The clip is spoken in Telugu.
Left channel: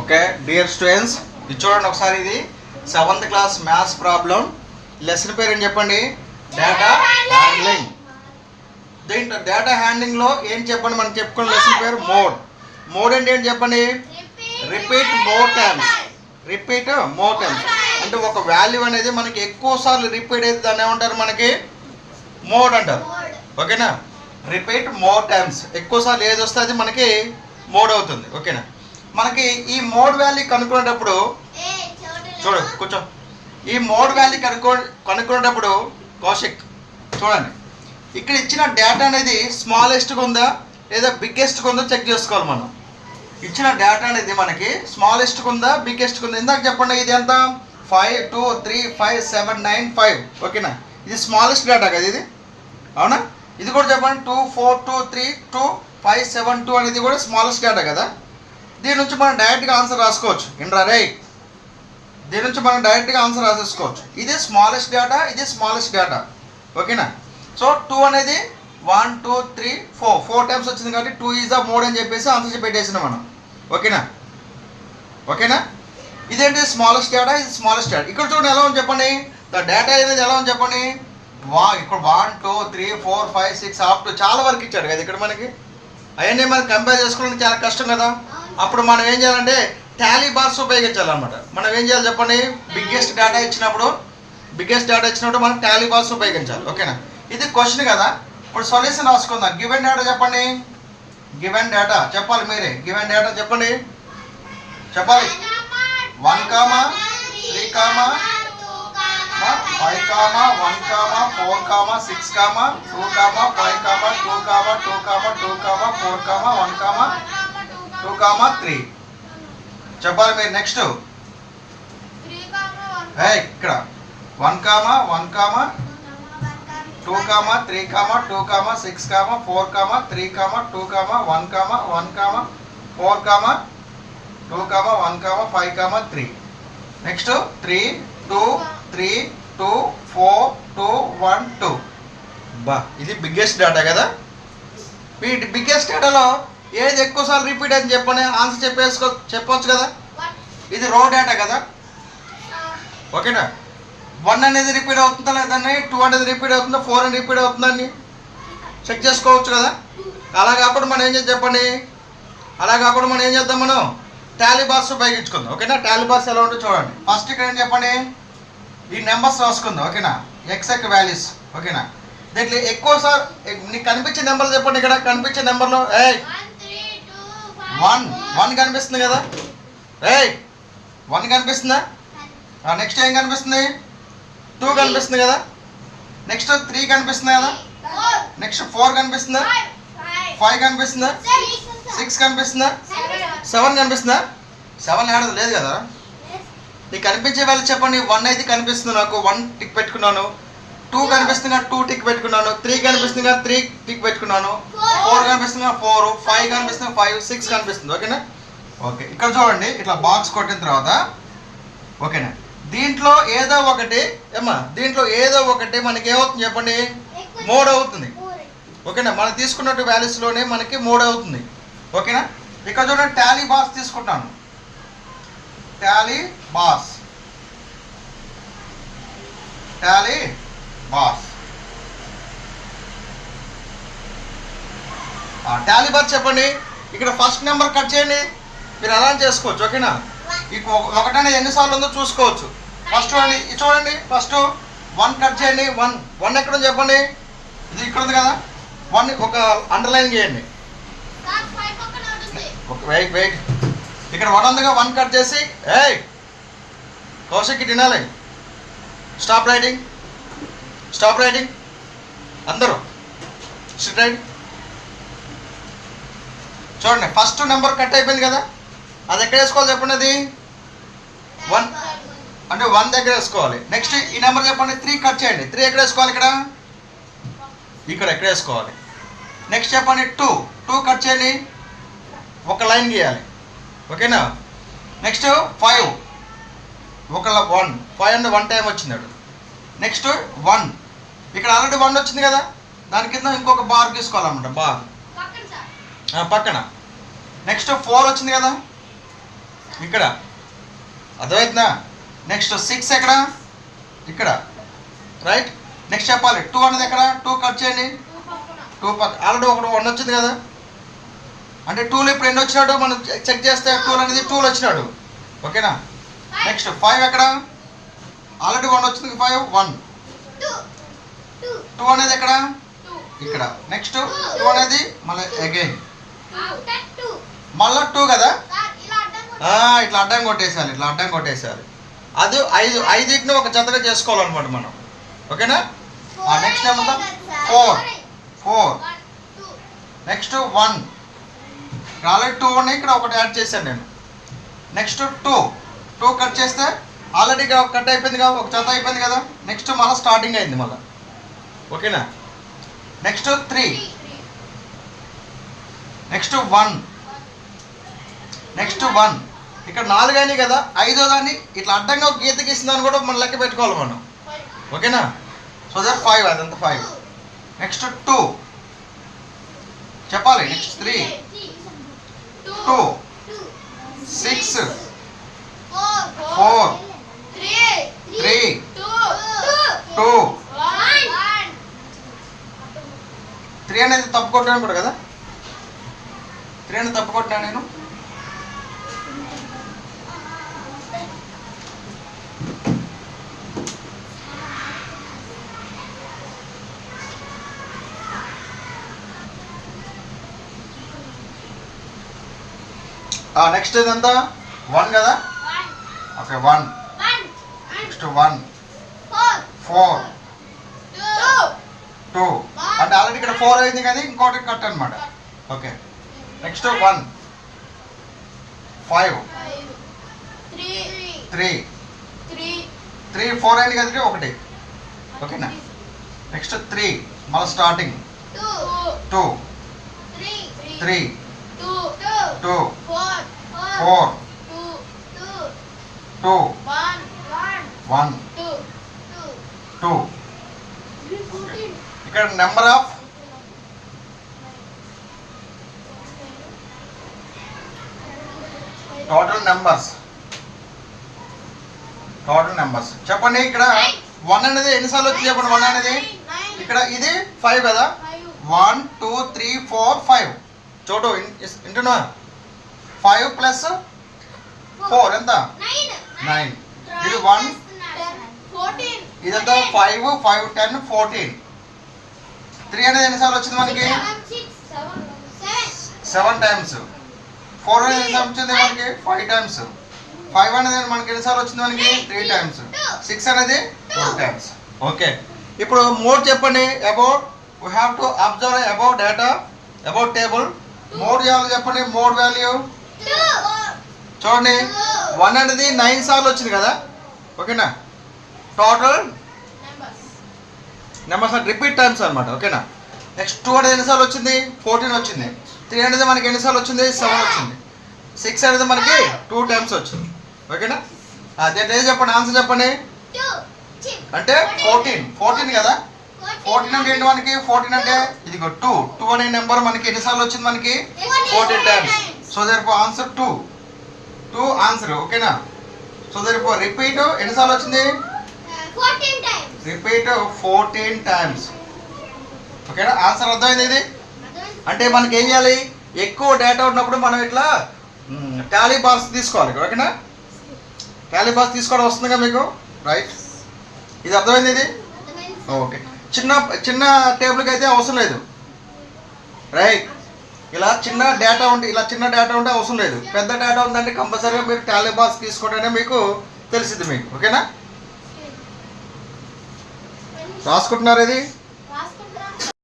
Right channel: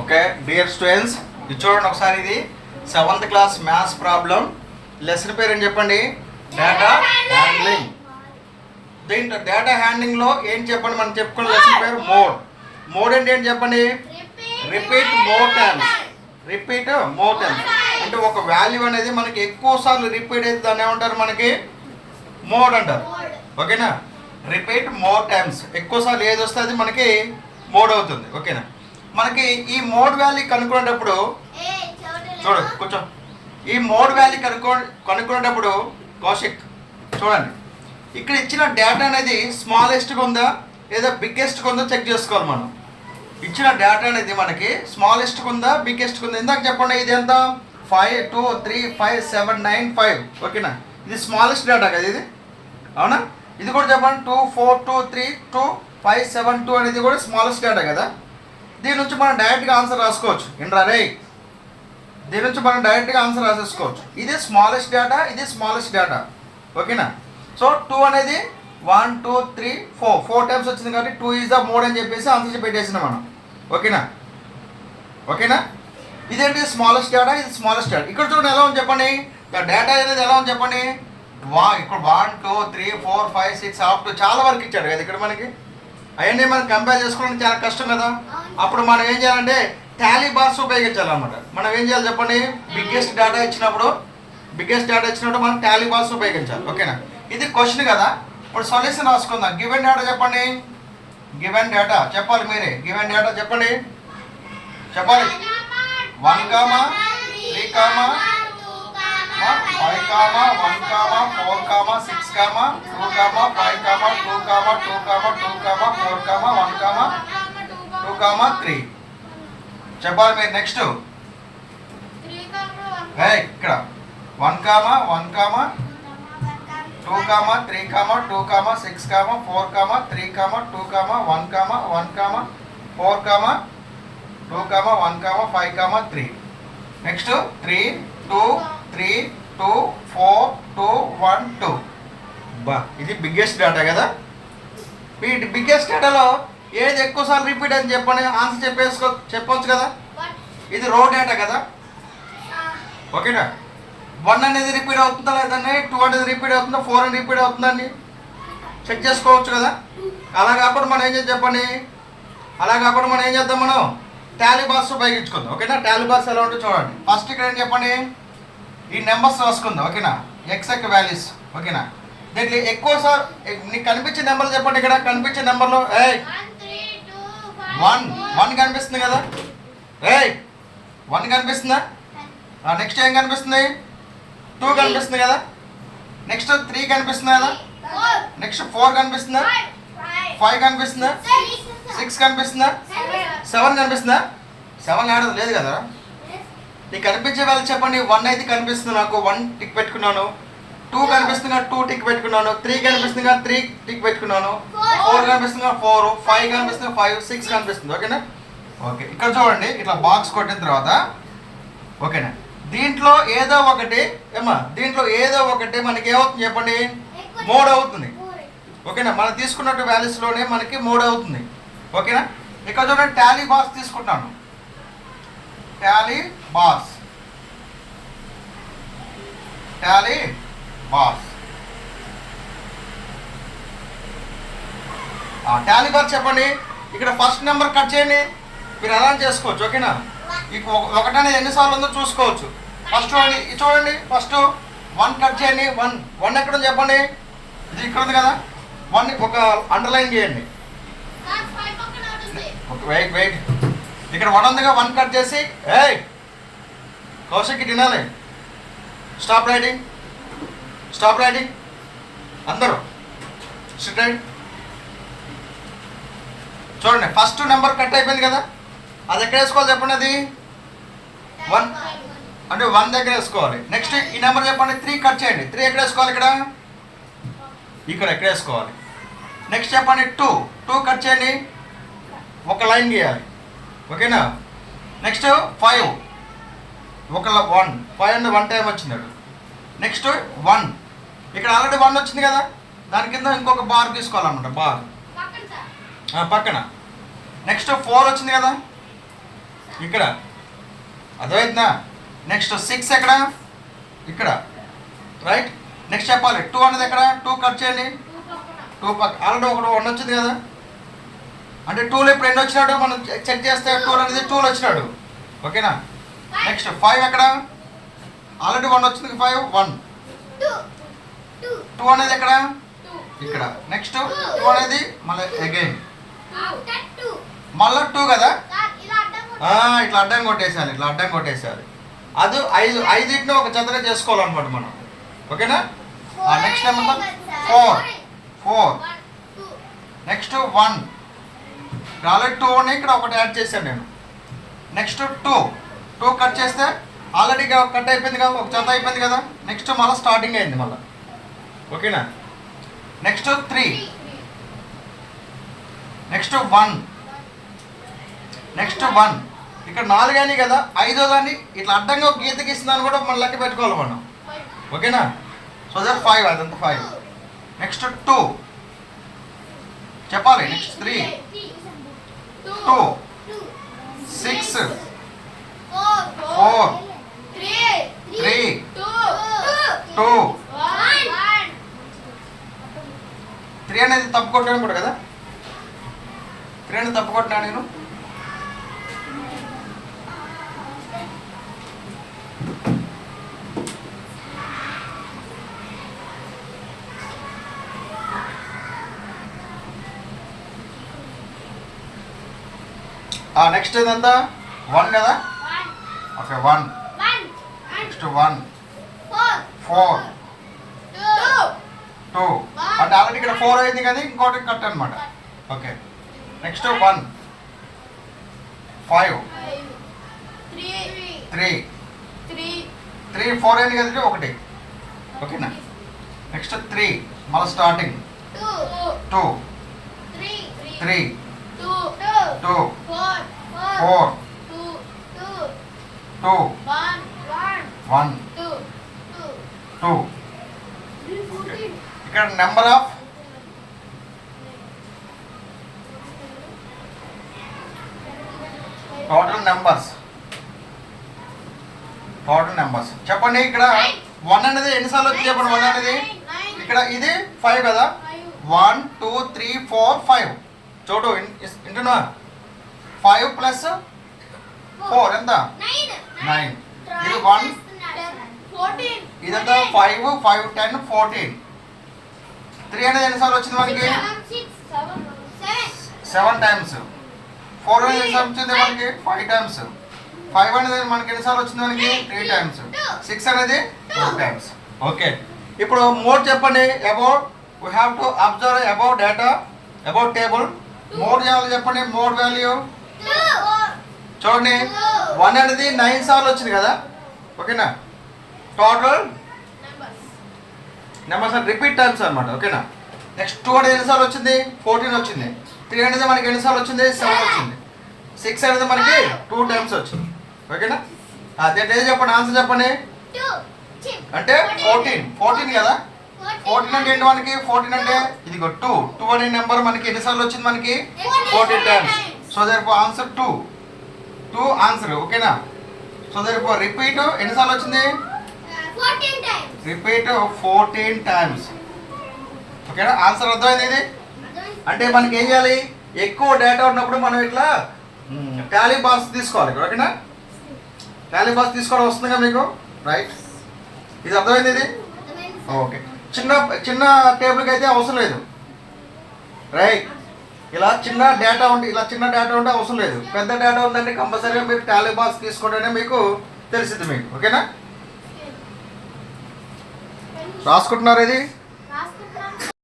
ఓకే డియర్ స్టూడెంట్స్, ఇది చూడండి ఒకసారి. ఇది 7th class maths problem. Lesson పేరు ఏం చెప్పండి? Data handling. దీంట్లో డేటా హ్యాండ్లింగ్లో ఏం చెప్పండి? మనం చెప్పుకున్న లెసన్ పేరు మోడ్. మోడ్ అంటే ఏంటి చెప్పండి? Repeat more times. Repeat more times అంటే ఒక వాల్యూ అనేది మనకి ఎక్కువ సార్లు రిపీట్ అయితే దాన్ని ఏమంటారు? మనకి మోడ్ అంటారు. ఓకేనా? రిపీట్ మోర్ టైమ్స్, ఎక్కువ సార్లు ఏది వస్తే అది మనకి మోడ్ అవుతుంది. ఓకేనా? మనకి ఈ మోడ్ వాల్యూ కనుక్కునేటప్పుడు చూడు కొంచెం ఈ మోడ్ వాల్యూ కనుక్కునేటప్పుడు కౌశిక్ చూడండి, ఇక్కడ ఇచ్చిన డేటా అనేది స్మాలెస్ట్గా ఉందా లేదా బిగ్గెస్ట్గా ఉందో చెక్ చేసుకోవాలి. మనం ఇచ్చిన డేటా అనేది మనకి స్మాలెస్ట్గా ఉందా బిగ్గెస్ట్గా ఉందా? ఇందాక చెప్పండి, ఇది ఎంత? 5 2 3 5 7 9 5. ఓకేనా? ఇది స్మాలెస్ట్ డేటా కదా ఇది, అవునా? ఇది కూడా చెప్పండి 2 4 2 3 2 5 7 2 అనేది కూడా స్మాలెస్ట్ డేటా కదా. దీని నుంచి మనం డైరెక్ట్గా ఆన్సర్ రాసుకోవచ్చు. ఏంట్రా రే, దీని నుంచి మనం డైరెక్ట్గా ఆన్సర్ రాసేసుకోవచ్చు. ఇది స్మాలెస్ట్ డేటా, ఇది స్మాలెస్ట్ డేటా. ఓకేనా? సో 2 అనేది 1 2 3 4 టైమ్స్ వచ్చింది కాబట్టి 2 ఈజ్ ద మోడ్ అని చెప్పేసి ఆన్సర్ పెట్టేసినాం మనం. ఓకేనా? ఓకేనా? ఇదేంటి? స్మాలెస్ట్ డేటా, ఇది స్మాలెస్ట్ డేటా. ఇక్కడ చూడండి ఎలా ఉంది చెప్పండి. డేటా అనేది ఎలా ఉంది చెప్పండి. ఇక్కడ 1 2 3 4 5 6 అప్ టు చాలా వరకు ఇచ్చాడు కదా ఇక్కడ మనకి. అవన్నీ మనకి కంపేర్ చేసుకోవడానికి చాలా కష్టం కదా. అప్పుడు మనం ఏం చేయాలంటే టాలీ బార్స్ ఉపయోగించాలన్నమాట. మనం ఏం చేయాలి చెప్పండి? బిగ్గెస్ట్ డేటా ఇచ్చినప్పుడు మనం టాలీ బార్స్ ఉపయోగించాలి. ఓకేనా? ఇది క్వశ్చన్ కదా. ఇప్పుడు సొల్యూషన్ రాసుకుందాం. గివెన్ డేటా చెప్పండి. గివెన్ డేటా చెప్పాలి మీరే. గివెన్ డేటా చెప్పండి, చెప్పాలి. 1 3 5 1 4 6 2 5 2 2 4 1 2 3 చెప్పాలి మీరు. నెక్స్ట్ ఇక్కడ 1 1 2 3 2 6 4 3 2 1 1 4 2 1 5 3. నెక్స్ట్ 3 2 3 2 4 2 1 2. బా, ఇది బిగ్గెస్ట్ డేటా కదా. ఈ బిగ్గెస్ట్ డేటాలో ఏది ఎక్కువసార్లు రిపీట్ అని చెప్పని ఆన్సర్ చెప్పవచ్చు కదా. ఇది రో డేటా కదా. ఓకేనా? 1 అనేది రిపీట్ అవుతుందా లేదండి, 2 అనేది రిపీట్ అవుతుందా, 4 అనేది రిపీట్ అవుతుందని చెక్ చేసుకోవచ్చు కదా. అలా కాకుండా మనం ఏం చేద్దాం? మనం టాలీ బార్స్ ఉపయోగించుకుందాం. ఓకేనా? టాలీ బార్స్ ఎలా ఉంటుందో చూడండి. ఫస్ట్ ఇక్కడ ఏం చెప్పండి? ఈ నెంబర్స్ రాసుకుందాం. ఓకేనా? Exact values. ఓకేనా? దీంట్లో ఎక్కువ సార్ నీకు కనిపించే నెంబర్లు చెప్పండి. ఇక్కడ కనిపించే నెంబర్లో 1 కనిపిస్తుంది కదా. 1 కనిపిస్తుందా? నెక్స్ట్ ఏం కనిపిస్తుంది? 2 కనిపిస్తుంది కదా. నెక్స్ట్ 3 కనిపిస్తుంది కదా. నెక్స్ట్ 4 కనిపిస్తుందా? 5 కనిపిస్తుందా? 6 కనిపిస్తుందా? 7 కనిపిస్తుందా? 7 ఆడదు లేదు కదా. నీకు కనిపించే వాళ్ళు చెప్పండి. 1 అయితే కనిపిస్తుంది నాకు, 1 టిక్ పెట్టుకున్నాను. 2 కనిపిస్తుంది, 2 టిక్ పెట్టుకున్నాను. 3 కనిపిస్తుంది, 3 టిక్ పెట్టుకున్నాను. 4 కనిపిస్తుంది, 4. 5 కనిపిస్తుంది, 5. 6 కనిపిస్తుంది. ఓకేనా? ఓకే, ఇక్కడ చూడండి. ఇట్లా బాక్స్ కొట్టిన తర్వాత ఓకేనా, దీంట్లో ఏదో ఒకటి మనకి ఏమవుతుంది చెప్పండి? మోడ్ అవుతుంది. ఓకేనా? మనం తీసుకున్నట్టు వాల్యూస్లోనే మనకి మోడ్ అవుతుంది. ఓకేనా? ఇక్కడ చూడండి, టాలీ బార్స్ తీసుకుంటాను. టాలీ బార్స్ టాలీ బార్ చెప్పండి. ఇక్కడ ఫస్ట్ నెంబర్ కట్ చేయండి. మీరు ఎలా చేసుకోవచ్చు. ఓకేనా? మీకు 1 అనేది ఎన్నిసార్లు ఉందో చూసుకోవచ్చు. ఫస్ట్ చూడండి. ఫస్ట్ 1 కట్ చేయండి. 1 ఎక్కడ ఉంది చెప్పండి? ఇది ఇక్కడ ఉంది కదా. 1 ఒక అండర్లైన్ చేయండి. వెయిట్ ఇక్కడ 1 ఉందిగా. 1 కట్ చేసి కౌశిక్ తినాలి. స్టాప్ రైటింగ్ అందరూ స్ట్రైట్ రైట్. చూడండి, ఫస్ట్ నెంబర్ కట్ అయిపోయింది కదా. అది ఎక్కడ వేసుకోవాలి చెప్పండి? అది 1 అంటే 1 దగ్గర వేసుకోవాలి. నెక్స్ట్ ఈ నెంబర్ చెప్పండి. 3 కట్ చేయండి. 3 ఎక్కడ వేసుకోవాలి? ఇక్కడ ఎక్కడ వేసుకోవాలి? నెక్స్ట్ చెప్పండి 2 కట్ చేయండి. ఒక లైన్ గీయాలి. ఓకేనా? నెక్స్ట్ 5 ఒక 5 అనేది 1 టైం వచ్చింది. నెక్స్ట్ 1 ఇక్కడ ఆల్రెడీ 1 వచ్చింది కదా. దాని కింద ఇంకొక బార్ తీసుకోవాలన్నమాట. బార్ పక్కన. నెక్స్ట్ 4 వచ్చింది కదా. ఇక్కడ అర్థమవుతుందా? నెక్స్ట్ 6 ఎక్కడ? ఇక్కడ, రైట్. నెక్స్ట్ చెప్పాలి 2 అనేది ఎక్కడ? 2 కట్ చేయండి. 2 పక్క ఆల్రెడీ ఒకటి 1 వచ్చింది కదా, అంటే 2లో ఇప్పుడు ఎన్ని వచ్చినాడు మనం చెక్ చేస్తే 2 అనేది 2లో వచ్చినాడు. ఓకేనా? నెక్స్ట్ 5 ఎక్కడ? ఆల్రెడీ 1 వచ్చింది, 5 1. 2 అనేది ఎక్కడ? ఇక్కడ. నెక్స్ట్ 2 అనేది మళ్ళీ అగైన్ మళ్ళీ 2 కదా, ఇట్లా అడ్డం కొట్టేసాను, ఇట్లా అడ్డం కొట్టేసారు. అది 5 ఒక జతగా చేసుకోవాలన్నమాట మనం. ఓకేనా? నెక్స్ట్ ఏమంటాం? 4. నెక్స్ట్ 1. ఆల్రెడీ 2 ఉన్నాయి, ఇక్కడ ఒకటి యాడ్ చేశాను నేను. నెక్స్ట్ 2 కట్ చేస్తే ఆల్రెడీ కట్ అయిపోయింది కదా, ఒక జత అయిపోయింది కదా. నెక్స్ట్ మళ్ళీ స్టార్టింగ్ అయింది మళ్ళీ. ఓకేనా? నెక్స్ట్ 3. నెక్స్ట్ 1. నెక్స్ట్ 1. ఇక్కడ 4 అయినాయి కదా, 5వ దాన్ని ఇట్లా అడ్డంగా ఒక గీత గీసిందని కూడా మనం లెక్క పెట్టుకోవాలి మనం. ఓకేనా? సో దట్ 5, అదంతా 5. నెక్స్ట్ 2 చెప్పాలి. నెక్స్ట్ 3 2 6 4 3 2 3 అనేది తప్పు కొట్టాను కూడా కదా, 3 అనేది తప్పు కొట్టినా నేను. నెక్స్ట్ ఇదంతా 1 కదా. ఓకే 1. నెక్స్ట్ 1 4 2 అంటే ఆల్రెడీ ఇక్కడ 4 అయింది కానీ ఇంకోటి కట్ అనమాట. ఓకే. నెక్స్ట్ 1 5 3 4 అయింది కదా, 1. ఓకేనా? నెక్స్ట్ 3 మళ్ళీ స్టార్టింగ్ 2 3 2 4 2 1 2. ఇక్కడ నెంబర్ ఆఫ్ టోటల్ నెంబర్స్ చెప్పండి. ఇక్కడ 1 అనేది ఎన్నిసార్లు వచ్చి చెప్పండి. 1 అనేది ఇక్కడ ఇది 5 కదా, 1 2 3 4 5. చూడు వింటున్నా, 5 ప్లస్ 4 ఎంత? 9. ఇది 1 ఇదంతా 5 5 10 14. 3 అనేది ఎన్నిసార్లు వచ్చింది మనకి? 7 టైమ్స్. 4 అనేది ఎన్నిసార్లు వచ్చింది మనకి? 5 టైమ్స్. 5 అనేది మనకి ఎన్నిసార్లు వచ్చింది మనకి? 3 టైమ్స్. 6 అనేది 4 టైమ్స్. ఓకే. ఇప్పుడు మోడ్ చెప్పండి. About we have to observe about data about table. Mode చేయాలి చెప్పండి. మోడ్ వాల్యూ చూడండి. 1 అనేది 9 సార్లు వచ్చింది కదా. ఓకేనా? టోటల్ నెంబర్స్ రిపీట్ టైమ్స్ అనమాట. ఓకేనా? నెక్స్ట్ 2 అనేది ఎన్నిసార్లు వచ్చింది? 14 వచ్చింది. 3 అనేది మనకి ఎన్నిసార్లు వచ్చింది? 7 వచ్చింది. 6 అనేది మనకి 2 టైమ్స్ వచ్చింది. ఓకేనా? దీంట్లో ఏది చెప్పండి, ఆన్సర్ చెప్పండి. అంటే 14 కదా. 14 అంటే ఏంటి మనకి? 14 అంటే ఇదిగో 2 అనే నెంబర్ మనకి ఎన్నిసార్లు వచ్చింది మనకి? 14 times. So therefore answer 2 answer. ఓకేనా? సో దేర్ఫోర్ రిపీట్ ఎన్నిసార్లు వచ్చింది? 14 times. Repeat 14 times. ఓకేనా? ఆన్సర్ అర్థమైంది ఇది. అంటే మనకి ఏం చేయాలి? ఎక్కువ డేటా ఉన్నప్పుడు మనం ఇట్లా టాలీ బాక్స్ తీసుకోవాలి. ఓకేనా? టాలీ బాక్స్ తీసుకోవడం వస్తుందిగా మీకు, రైట్? ఇది అర్థమైంది ఇది. ఓకే. చిన్న టేబుల్కి అయితే అవసరం లేదు, రైట్? ఇలా చిన్న డేటా ఉంటే అవసరం లేదు. పెద్ద డేటా ఉందంటే కంపల్సరీగా మీరు టాలీ బాక్స్ తీసుకుంటేనే మీకు తెలిసింది మీకు. ఓకేనా? రాసుకుంటున్నారు ఇది.